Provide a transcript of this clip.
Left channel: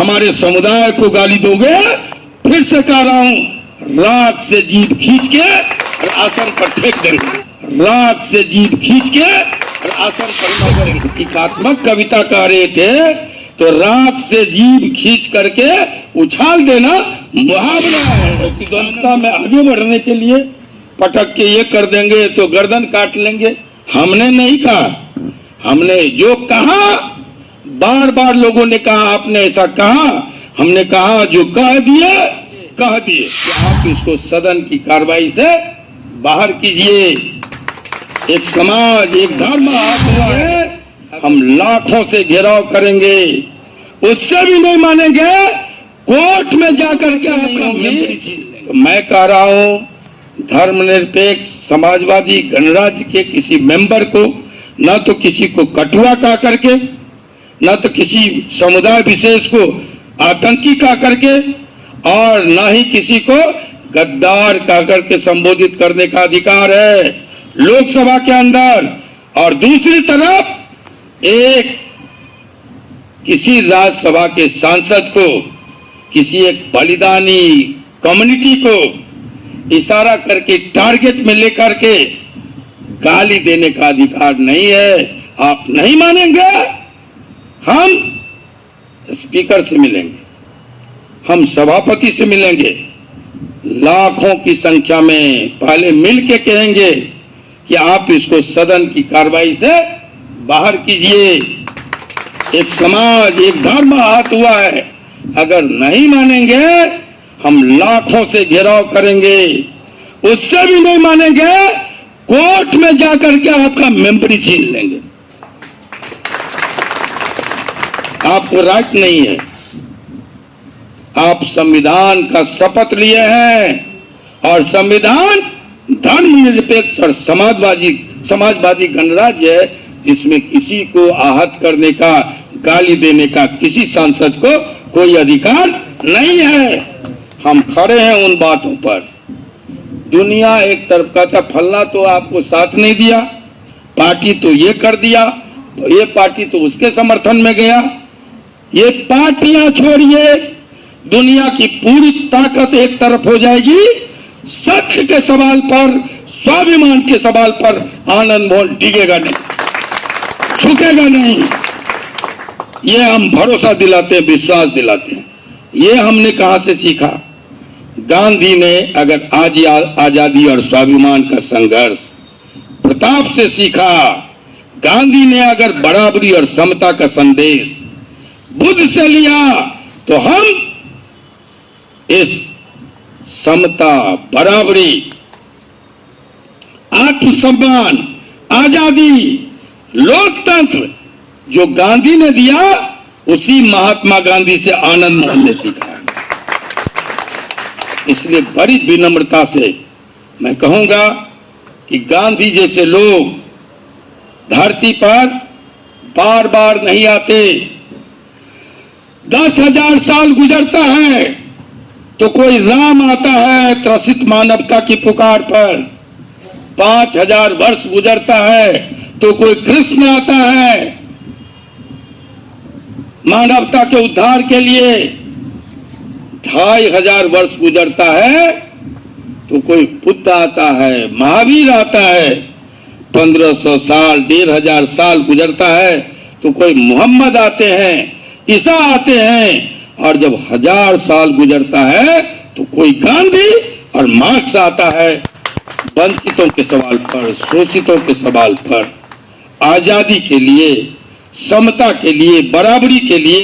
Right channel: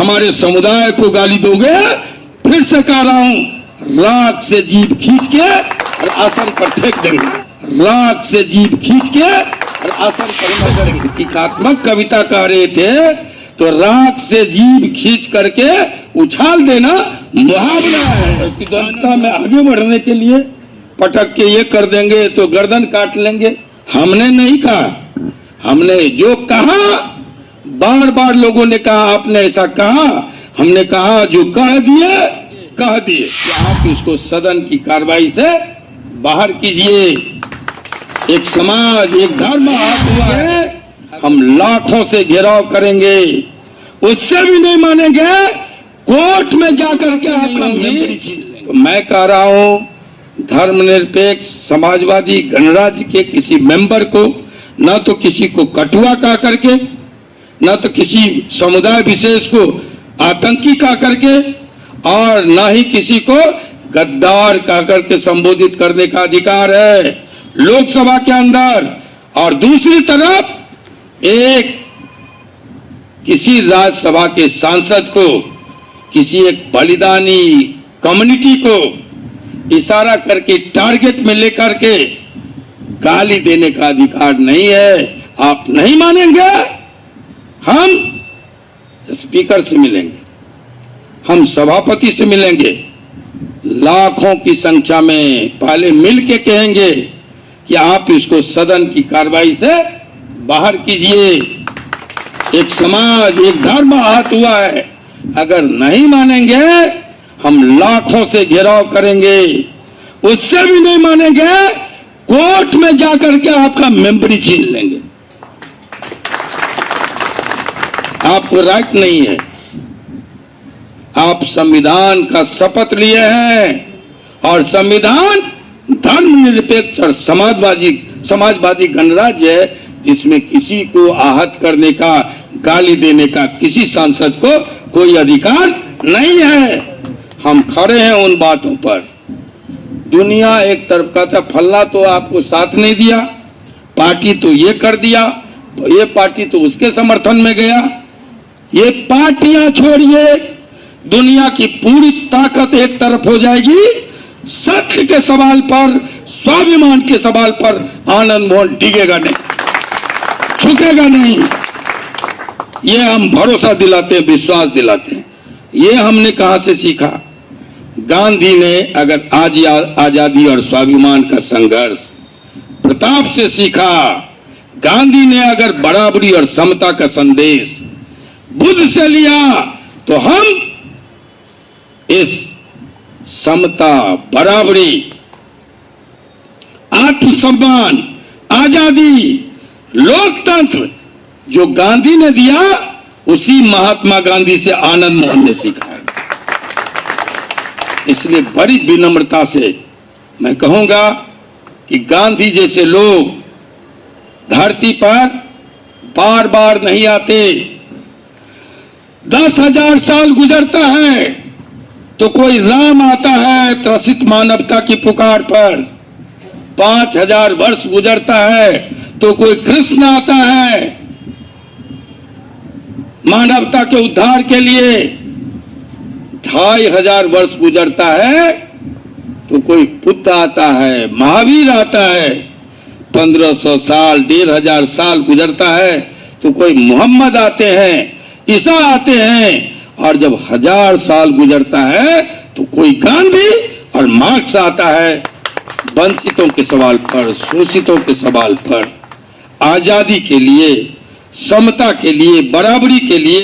हमारे समुदाय को गाली दोगे? फिर से कह रहा हूं, राख से जीभ खींच के और आसन पर फेंक देंगे। राख से जीभ खींच के और आसन पर फेंक देंगे। एकात्मक कविता कह रहे थे तो राख से जीभ खींच करके उछाल देना मुहावरा है। जनता में आगे बढ़ने के लिए पटक के ये कर देंगे तो गर्दन काट लेंगे। हमने नहीं कहा, हमने जो कहा, बार बार लोगों ने कहा आपने ऐसा कहा, हमने कहा जो कह दिए कह दिए। आप इसको सदन की कार्रवाई से बाहर कीजिए। एक समाज, एक धर्म हुआ है, हम लाखों से घेराव करेंगे, उससे भी नहीं मानेंगे, कोर्ट में जाकर के आपका। तो मैं कह रहा हूं, धर्मनिरपेक्ष समाजवादी गणराज्य के किसी मेंबर को न तो किसी को कटुआ कहा करके, न तो किसी समुदाय विशेष को आतंकी कहा करके, और न ही किसी को गद्दार कहा करके संबोधित करने का अधिकार है लोकसभा के अंदर। और दूसरी तरफ एक किसी राज्यसभा के सांसद को, किसी एक बलिदानी कम्युनिटी को इशारा करके टारगेट में लेकर के गाली देने का अधिकार नहीं है। आप नहीं मानेंगे, हम स्पीकर से मिलेंगे, हम सभापति से मिलेंगे, लाखों की संख्या में पहले मिल के कहेंगे कि आप इसको सदन की कार्रवाई से बाहर कीजिए। एक समाज, एक धर्म आहत हुआ है। अगर नहीं मानेंगे, हम लाखों से घेराव करेंगे, उससे भी नहीं मानेंगे, कोर्ट में जाकर के आपका मेंबरी छीन लेंगे। आपको राइट नहीं है। आप संविधान का शपथ लिए हैं और संविधान धर्मनिरपेक्ष और समाजवादी गणराज्य है, जिसमें किसी को आहत करने का, गाली देने का किसी सांसद को कोई अधिकार नहीं है। हम खड़े हैं उन बातों पर। दुनिया एक तरफ का था, फल्ला तो आपको साथ नहीं दिया, पार्टी तो ये कर दिया, ये पार्टी तो उसके समर्थन में गया। ये पार्टियां छोड़िए, दुनिया की पूरी ताकत एक तरफ हो जाएगी। सत्य के सवाल पर, स्वाभिमान के सवाल पर आनंद मोहन डिगेगा नहीं, झुकेगा नहीं। ये हम भरोसा दिलाते हैं, विश्वास दिलाते हैं। ये हमने कहां से सीखा? गांधी ने अगर आजादी और स्वाभिमान का संघर्ष प्रताप से सीखा, गांधी ने अगर बराबरी और समता का संदेश बुद्ध से लिया, तो हम इस समता, बराबरी, आत्मसम्मान, आजादी, लोकतंत्र जो गांधी ने दिया, उसी महात्मा गांधी से आनंद मोहन ने सीखा है। इसलिए बड़ी विनम्रता से मैं कहूंगा कि गांधी जैसे लोग धरती पर बार बार नहीं आते। 10,000 साल गुजरता है तो कोई राम आता है त्रसित मानवता की पुकार पर। 5,000 वर्ष गुजरता है तो कोई कृष्ण आता है मानवता के उद्धार के लिए। 2,500 वर्ष गुजरता है तो कोई बुद्ध आता है, महावीर आता है। 1,500 साल, 1,500 साल गुजरता है तो कोई मोहम्मद आते हैं, ईसा आते हैं। और जब 1000 साल गुजरता है तो कोई गांधी और मार्क्स आता है, वंचितों के सवाल पर, शोषितों के सवाल पर, आजादी के लिए, समता के लिए, बराबरी के लिए।